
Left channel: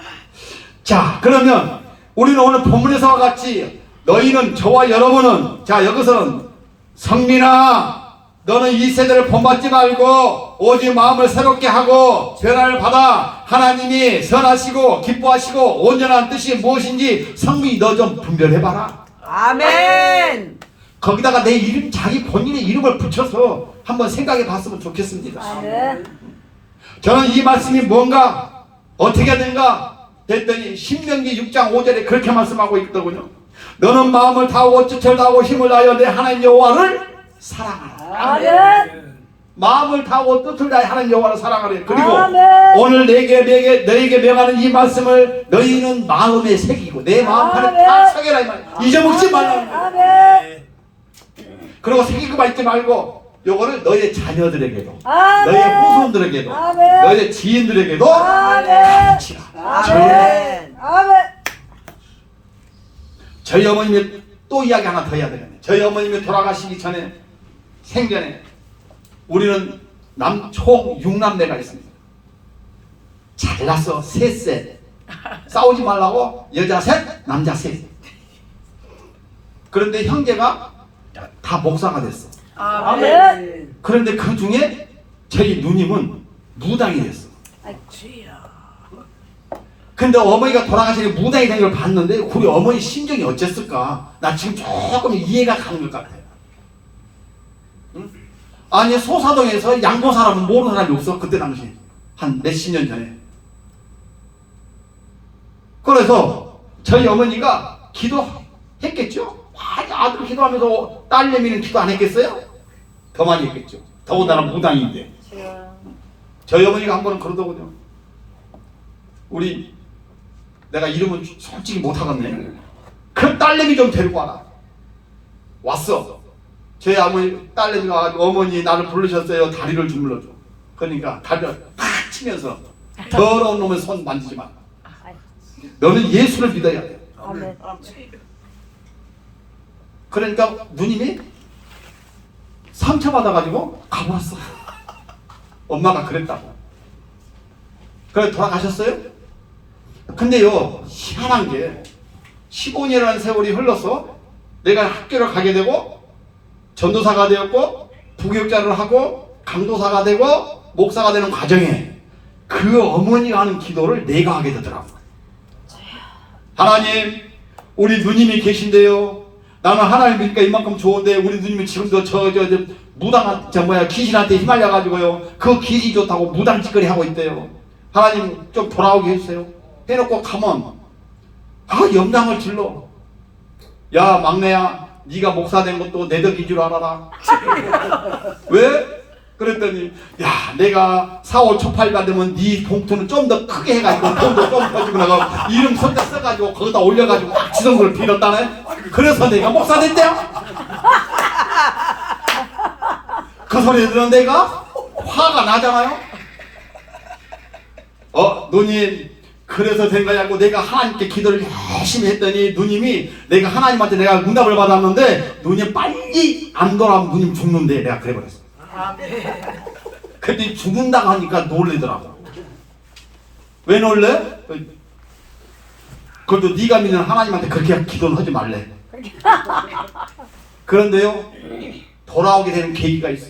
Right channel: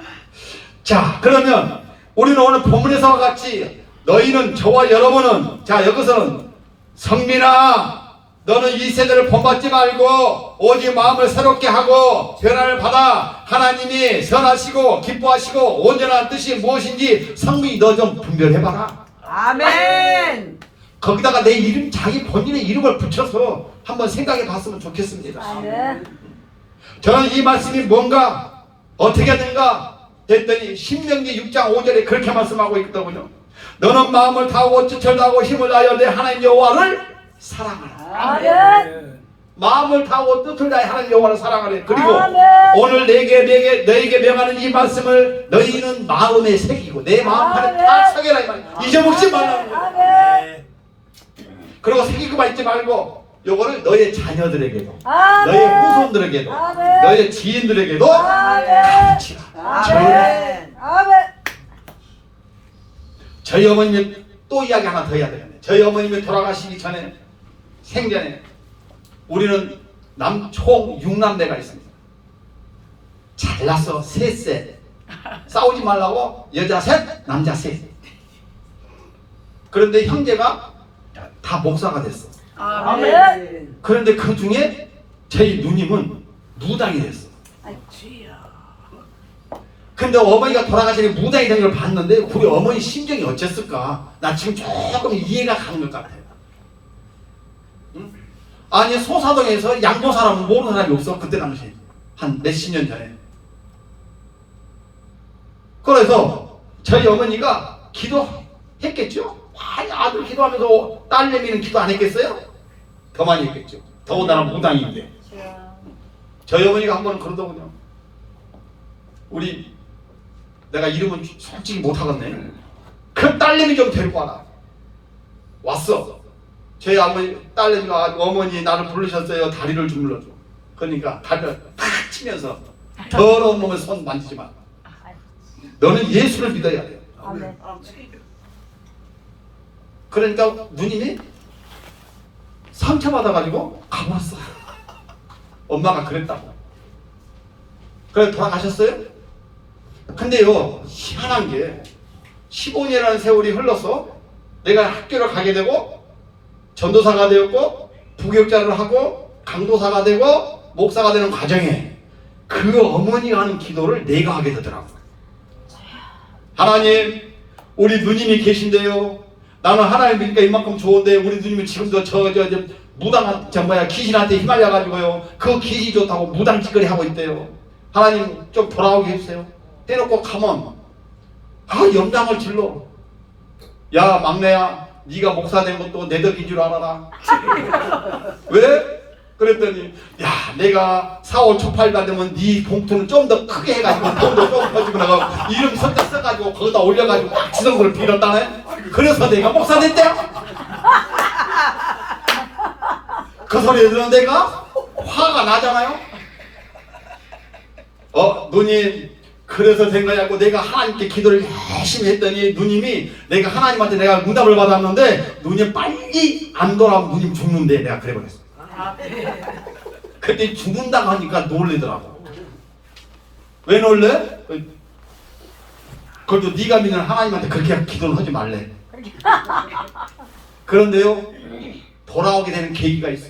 자, 그러면 우리는 오늘 본문에서와 같이 너희는, 저와 여러분은, 자 여기서는 성민아 너는 이 세대를 본받지 말고 오직 마음을 새롭게 하고 변화를 받아 하나님이 선하시고 기뻐하시고 온전한 뜻이 무엇인지 성민이 너 좀 분별해봐라. 아멘. 거기다가 내 이름, 자기 본인의 이름을 붙여서 한번 생각해 봤으면 좋겠습니다. 아멘. 저는 이 말씀이 뭔가 어떻게 된가 했더니 신명기 6장 5절에 그렇게 말씀하고 있더군요. 너는 마음을 다하고 뜻을 다하고 힘을 다하여 내 하나님 여호와를 사랑하라. 아멘. 마음을 다하고 뜻을 다해 하나님 여호와를 사랑하래. 그리고 아멘. 오늘 너에게 명하는 이 말씀을 너희는 마음에 새기고 내 마음판에 다 아멘. 새겨라 이 말이야. 잊어먹지 말라는 거야. 아멘. 그리고 새기고만 있지 말고 요거를 너의 자녀들에게도 아멘. 너의 후손들에게도 아멘. 너의 지인들에게도 아멘. 가르치라. 아멘. 아멘. 저희 어머님이 또 이야기 하나 더 해야 되겠네. 저희 어머님이 돌아가시기 전에 생전에 우리는 총 6남매가 있습니다. 잘났어. 셋. 싸우지 말라고 여자 셋, 남자 셋. 그런데 형제가 다 목사가 됐어. 아멘. 그런데 그 중에 저희 누님은 무당이 됐어. 근데 어머니가 돌아가시니 무당이 된 걸 봤는데 우리 어머니 심정이 어땠을까? 나 지금 조금 이해가 가는 것 같아요. 응? 아니 소사동에서 양보 사람 모르는 사람이 없어. 그때 당시 한 몇십 년 전에. 그래서 저희 어머니가 기도했겠죠? 많이 아들 기도하면서 딸내미는 기도 안 했겠어요? 더 많이 했겠죠. 더군다나 무당인데. 저희 어머니가 한 번은 그러더군요. 내가 이름은 솔직히 못하겠네. 그 딸내미 좀 데리고 와라. 왔어. 저희 딸내미가 어머니 나를 부르셨어요. 다리를 주물러줘. 그러니까 다리를 탁 치면서 더러운 놈의 손 만지지 마. 너는 예수를 믿어야 돼. 아멘. 그러니까 누님이 상처받아가지고 가버렸어. 엄마가 그랬다고. 그래 돌아가셨어요? 근데요 희한한 게 15년이라는 세월이 흘러서 내가 학교를 가게 되고 전도사가 되었고 부교육자를 하고 강도사가 되고 목사가 되는 과정에 그 어머니가 하는 기도를 내가 하게 되더라고. 하나님 우리 누님이 계신데요. 나는 하나님 믿으니까 이만큼 좋은데 우리 누님은 지금도 귀신한테 휘말려가지고요. 그 귀신이 좋다고 무당 짓거리 하고 있대요. 하나님 좀 돌아오게 해주세요. 해놓고 가면 염장을 질러. 야 막내야 네가 목사 된 것도 내 덕인 줄 알아라. 왜? 그랬더니 야 내가 4월 초팔가 되면 네 봉투는 좀 더 크게 해가지고 돈도 좀 퍼지고 내가 이름 선자 써가지고 거기다 올려가지고 지성을 빌었다네. 그래서 내가 목사 됐대. 그 소리 들은 내가 화가 나잖아요. 누님 그래서 된 거냐고 내가 하나님께 기도를 열심히 했더니 누님이 내가 하나님한테 내가 응답을 받았는데 누님 빨리 안 돌아오면 누님 죽는데 내가 그래 버렸어. 그때 죽는다고 하니까 놀래더라고. 왜 놀래? 그래도 네가 믿는 하나님한테 그렇게 기도는 하지 말래. 그런데요 돌아오게 되는 계기가 있어.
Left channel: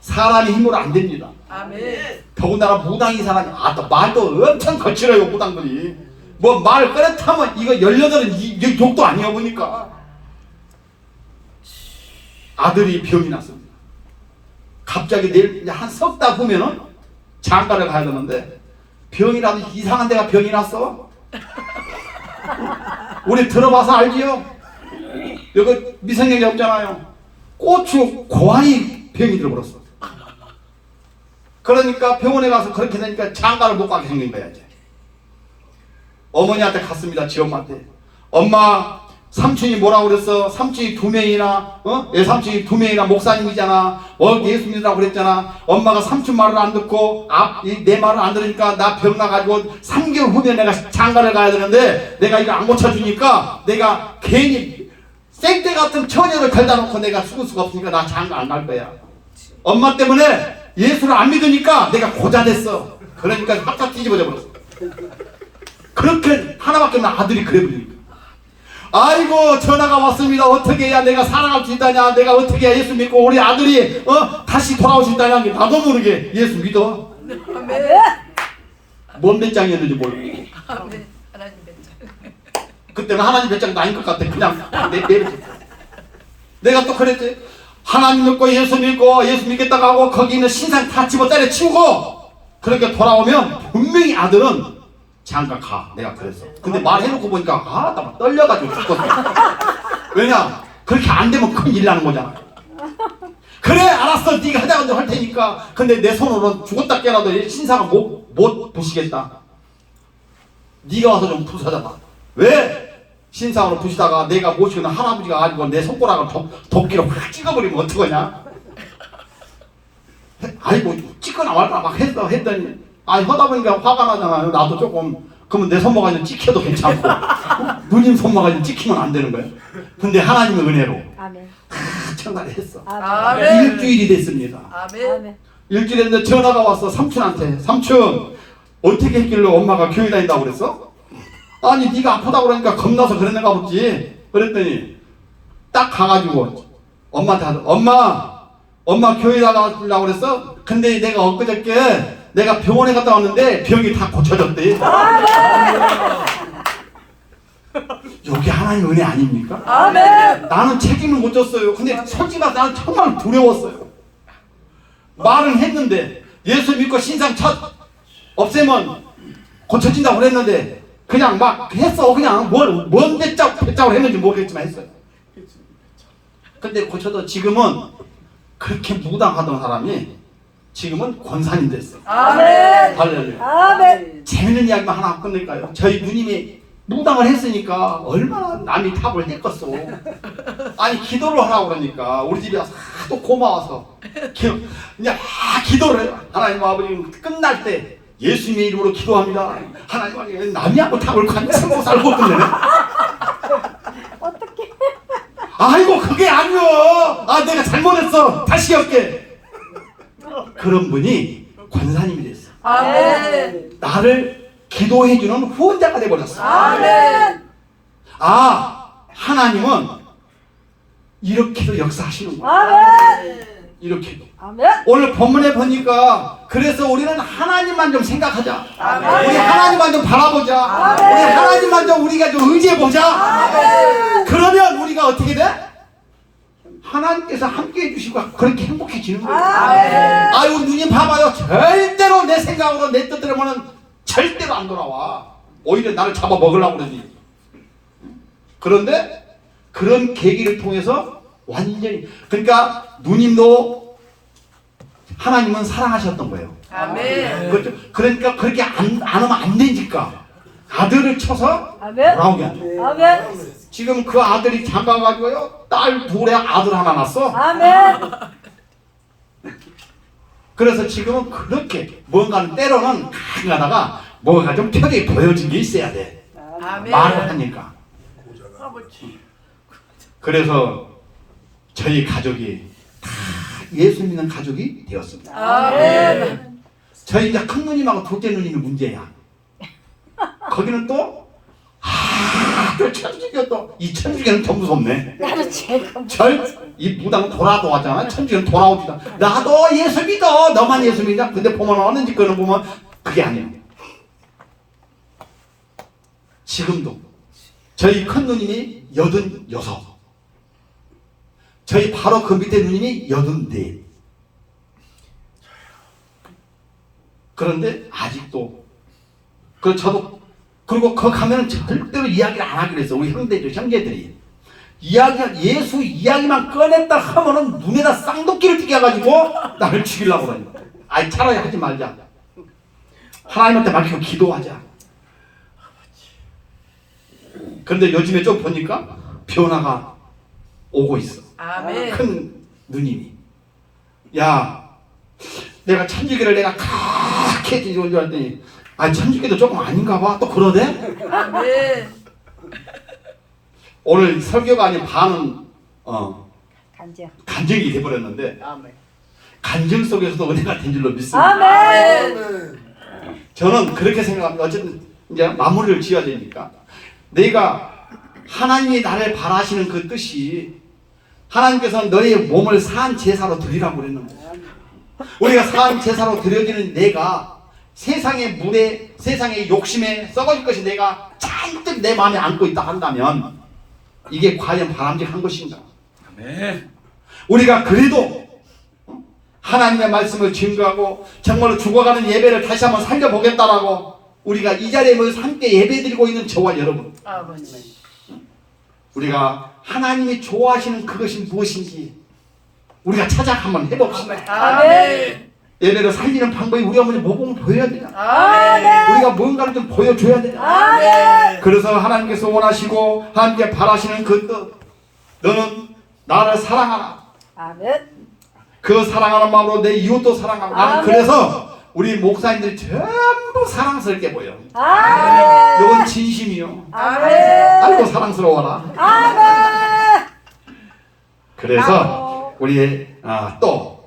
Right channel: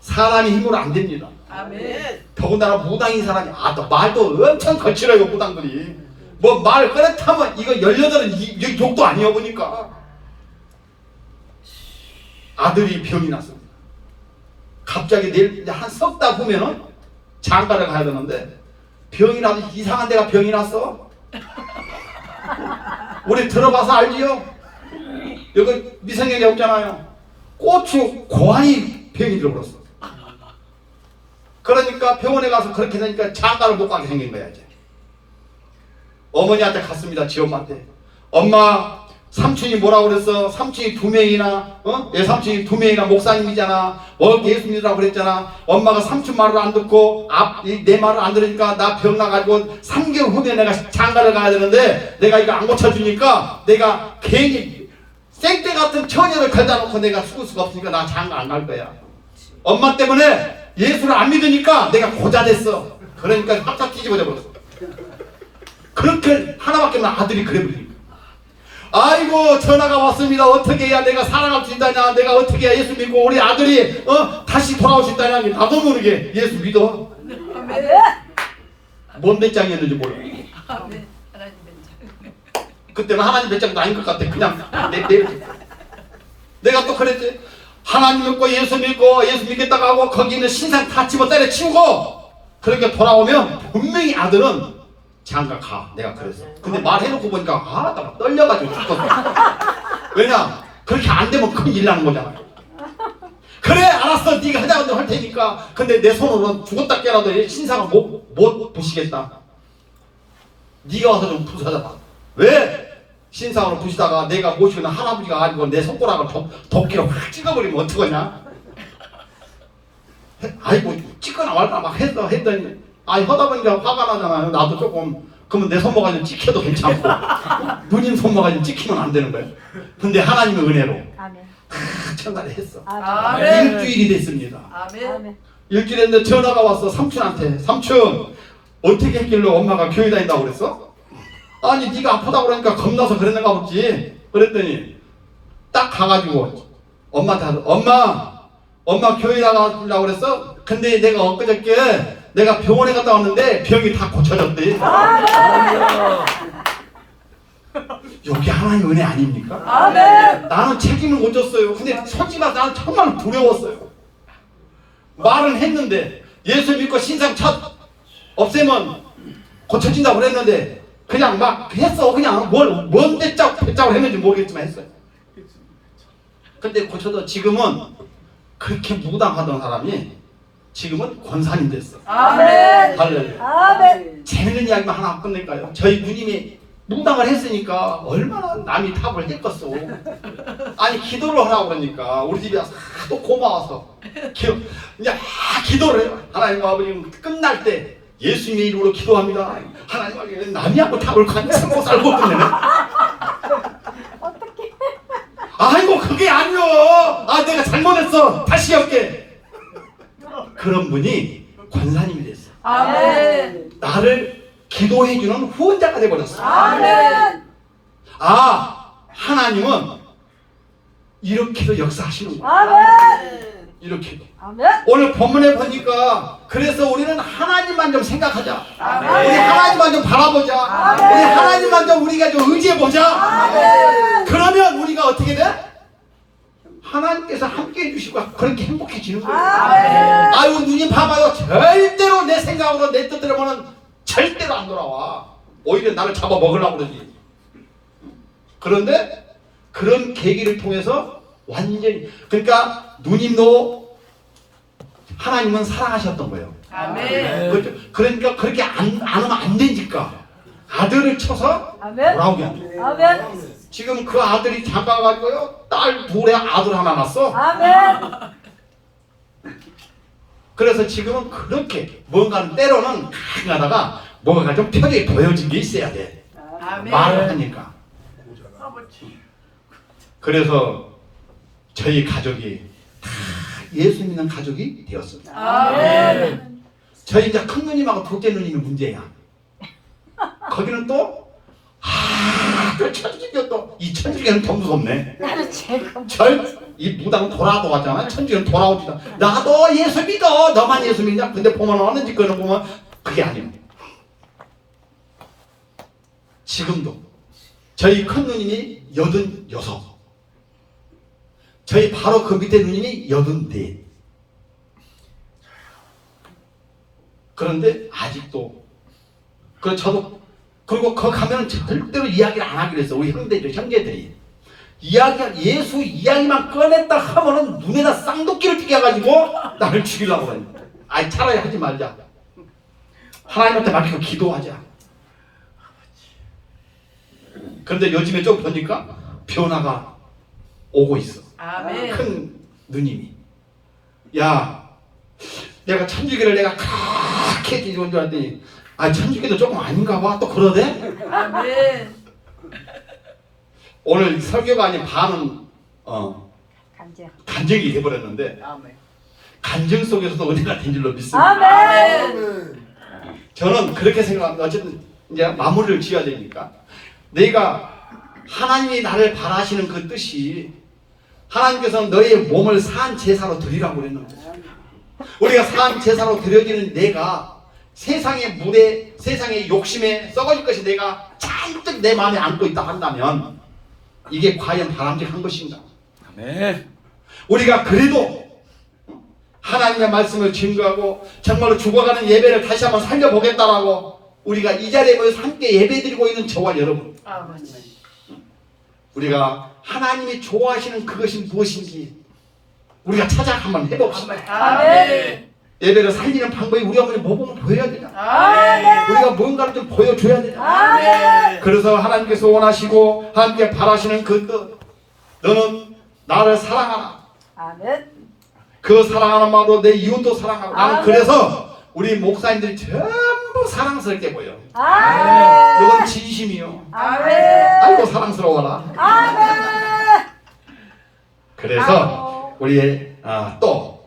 사람이 힘으로 안 됩니다. 아멘. 더군다나 무당인 사람이 또 말도 엄청 거칠어요. 무당들이 뭐 말 꺼냈다면 이거 18은 욕도 아니야. 보니까 아들이 병이 났습니다. 갑자기 내일 한 석 달 후면은 장가를 가야 되는데 병이라도 이상한 데가 병이 났어. 우리 들어봐서 알지요? 여기 미생년이 없잖아요. 고추 고환이 병이 들어버렸어. 그러니까 병원에 가서 그렇게 되니까 장가를 못 가게 생긴 거야. 이제 어머니한테 갔습니다. 지엄마한테. 엄마 삼촌이 뭐라고 그랬어? 삼촌이 2명이나 내 삼촌이 2명이나 목사님이잖아. 예수 믿으라고 그랬잖아. 엄마가 삼촌 말을 안 듣고 내 말을 안 들으니까 나 병 나가지고 3개월 후에 내가 장가를 가야 되는데 내가 이거 안 고쳐주니까 내가 괜히 생떼 같은 처녀를 걸다 놓고 내가 죽을 수가 없으니까 나 장가 안 갈 거야. 엄마 때문에 예수를 안 믿으니까 내가 고자 됐어. 그러니까 확 뒤집어져 버렸어. 그렇게 하나밖에 없는 아들이 그래 버리니까. 아이고 전화가 왔습니다. 어떻게 해야 내가 살아갈 수 있다냐. 내가 어떻게 해야 예수 믿고 우리 아들이 다시 돌아올 수 있다냐. 나도 모르게 예수 믿어. 아멘. 뭔 배짱이었는지 몰라. 아멘. 하나님 ben장. 그때는 하나님 배짱도 아닌 것 같아. 그냥 내가 또 그랬지. 하나님 믿고 예수 믿겠다고 하고 거기 있는 신상 다 집어 때려 치우고 그렇게 돌아오면 분명히 아들은 장가 가. 내가 그랬어. 근데 말해놓고 보니까 나 떨려가지고 죽었어. 왜냐 그렇게 안 되면 큰일 나는 거잖아. 그래 알았어 네가 하자고 할 테니까. 근데 내 손으로 죽었다 깨라도 신상을 못 부시겠다. 네가 와서 좀 부숴줘봐. 왜? 신상으로 부시다가 내가 모시는 할아버지가 가지고 내 손가락을 도끼로 확 찍어버리면 어떡하냐? 아이고 찍거나 말거나 막 했더니 하다 보니까 화가 나잖아요. 나도 조금. 그러면 내 손모가 좀 찍혀도 괜찮고 누님 손모가 좀 찍히면 안 되는 거예요. 근데 하나님의 은혜로 아멘. 천날에 했어. 아멘. 일주일이 됐습니다. 아멘. 일주일 됐는데 전화가 왔어. 삼촌한테. 삼촌 어떻게 했길래 엄마가 교회 다닌다고 그랬어? 아니 네가 아프다고 그러니까 겁나서 그랬는가 보지. 그랬더니 딱 가가지고 엄마한테 엄마 교회 나가려고 그랬어? 근데 내가 엊그저께 내가 병원에 갔다 왔는데 병이 다 고쳐졌대. 여기 하나님 은혜 아닙니까? 아멘. 나는 책임을 못 졌어요. 근데 솔직히 말해서 나는 정말 두려웠어요. 말은 했는데 예수 믿고 신상 없애면 고쳐진다고 그랬는데 그냥 막 했어. 그냥 뭔 배짝을 했는지 모르겠지만 했어요. 근데 고쳐도 지금은 그렇게 무당하던 사람이 지금은 권사님 됐어요. 아멘. 할렐루야. 아멘. 재밌는 이야기만 하나 끝낼까요? 저희 누님이 무당을 했으니까 얼마나 남이 탑을 했겠어. 아니 기도를 하라고 그러니까 우리 집에 와서 하도 고마워서 그냥 기도를 해요. 하나님 아버지 끝날 때 예수님의 이름으로 기도합니다. 하나님 아버지 남이하고 탑을 관심고 살고 끝내네. 아이고 그게 아니요. 내가 잘못했어. 다시 할게. 그런 분이 권사님이 됐어. 아멘. 나를 기도해주는 후원자가 돼버렸어. 아멘. 하나님은 이렇게도 역사하시는구나. 아멘. 이렇게도. 아멘. 오늘 본문에 보니까 그래서 우리는 하나님만 좀 생각하자. 아멘. 우리 하나님만 좀 바라보자. 아멘. 우리 하나님만 좀 우리가 좀 의지해보자. 아멘. 그러면 우리가 어떻게 돼? 하나님께서 함께 해주시고 그렇게 행복해지는 거예요. 아멘. 아이고 누님 봐봐요. 절대로 내 생각으로 내 뜻대로는 절대로 안 돌아와. 오히려 나를 잡아먹으려고 그러지. 그런데 그런 계기를 통해서 완전히 그러니까 누님도 하나님은 사랑하셨던 거예요. 아멘. 그러니까 그렇게 안 하면 안 되니까 아들을 쳐서 아멘. 돌아오게 안 돼. 아멘. 지금 그 아들이 장가가지고요 딸 둘에 아들 하나 낳았어. 아멘. 그래서 지금은 그렇게 뭔가는 때로는 가끔 가다가 뭔가 좀 편하게 보여진 게 있어야 돼. 아멘. 말을 하니까. 그래서 저희 가족이 다 예수 믿는 가족이 되었습니다. 아멘. 저희 이제 큰 누님하고 둘째 누님이 문제야. 거기는 또 또 천주교 이 천주교는 더 무섭네. 이 무당 돌아도 왔잖아. 천주교는 돌아오지다. 나도 예수 믿어. 너만 예수 믿냐? 근데 보면 어느 짓거는 보면 그게 아니에요. 지금도 저희 큰 누님이 86, 저희 바로 그 밑에 누님이 84. 그런데 아직도 저도 그리고 거기 가면은 절대로 이야기를 안 하기로 했어. 우리 형제들이 예수 이야기만 꺼냈다 하면은 눈에다 쌍도끼를 튀겨 가지고 나를 죽이려고 그러는 거야. 아이 차라리 하지 말자. 하나님한테 맡기고 기도하자. 그런데 요즘에 좀 보니까 변화가 오고 있어. 아멘. 큰 누님이 야 내가 천주교를 내가 그렇게 해주는 줄 알았더니 천주교도 조금 아닌가 봐. 또 그러대? 아멘. 오늘 설교가 아닌 반은 간증이 돼버렸는데 간증 속에서도 은혜가 된 줄로 믿습니다. 아멘. 저는 그렇게 생각합니다. 어쨌든 이제 마무리를 지어야 되니까 내가 하나님이 나를 바라시는 그 뜻이 하나님께서는 너의 몸을 산 제사로 드리라고 그랬는데 우리가 산 제사로 드려지는 내가 세상의 물에 세상의 욕심에 썩어질 것이 내가 잔뜩 내 마음에 안고 있다 한다면 이게 과연 바람직한 것인가? 아멘. 우리가 그래도 하나님의 말씀을 증거하고 정말로 죽어가는 예배를 다시 한번 살려보겠다라고 우리가 이 자리에 모여서 함께 예배드리고 있는 저와 여러분, 아멘. 우리가 하나님이 좋아하시는 그것이 무엇인지 우리가 찾아 한번 해봅시다. 아멘. 예배를 살리는 방법이 우리가 먼저 모범을 보여야 되잖아. 아멘. 우리가 뭔가를 좀 보여줘야 되잖아. 아멘. 그래서 하나님께서 원하시고 하나님께 바라시는 그 뜻, 너는 나를 사랑하라. 아멘. 그 사랑하는 마음으로 내 이웃도 사랑하고. 나는 아멘. 그래서 우리 목사님들이 전부 사랑스럽게 보여. 아멘. 이건 진심이요. 아멘. 아이고 사랑스러워라. 아멘. 그래서 우리의 또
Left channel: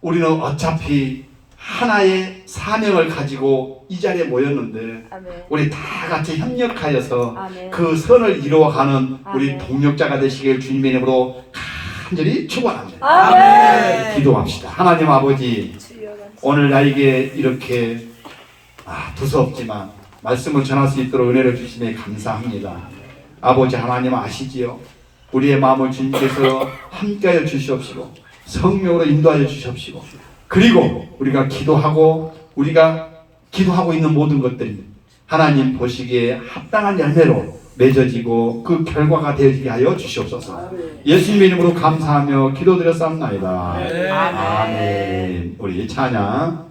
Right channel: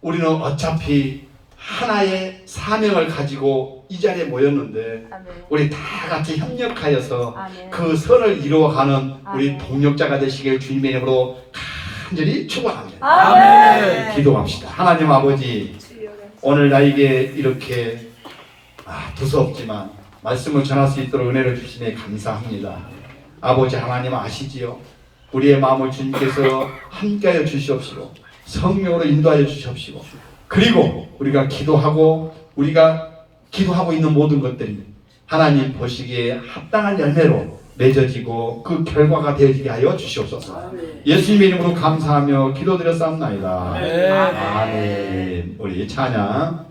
우리는 어차피 하나의 사명을 가지고 이 자리에 모였는데 아멘. 우리 다 같이 협력하여서 아멘. 그 선을 이루어가는 우리 아멘. 동력자가 되시길 주님의 이름으로 간절히 축원합니다. 아멘. 기도합시다. 하나님 아버지, 오늘 나에게 이렇게 두서없지만 말씀을 전할 수 있도록 은혜를 주시니 감사합니다. 아버지 하나님 아시지요? 우리의 마음을 주님께서 함께하여 주시옵시고 성령으로 인도하여 주시옵시고 그리고 우리가 기도하고 있는 모든 것들이 하나님 보시기에 합당한 열매로 맺어지고 그 결과가 되어지게 하여 주시옵소서. 예수님의 이름으로 감사하며 기도드렸사옵나이다. 아멘. 아멘. 우리 찬양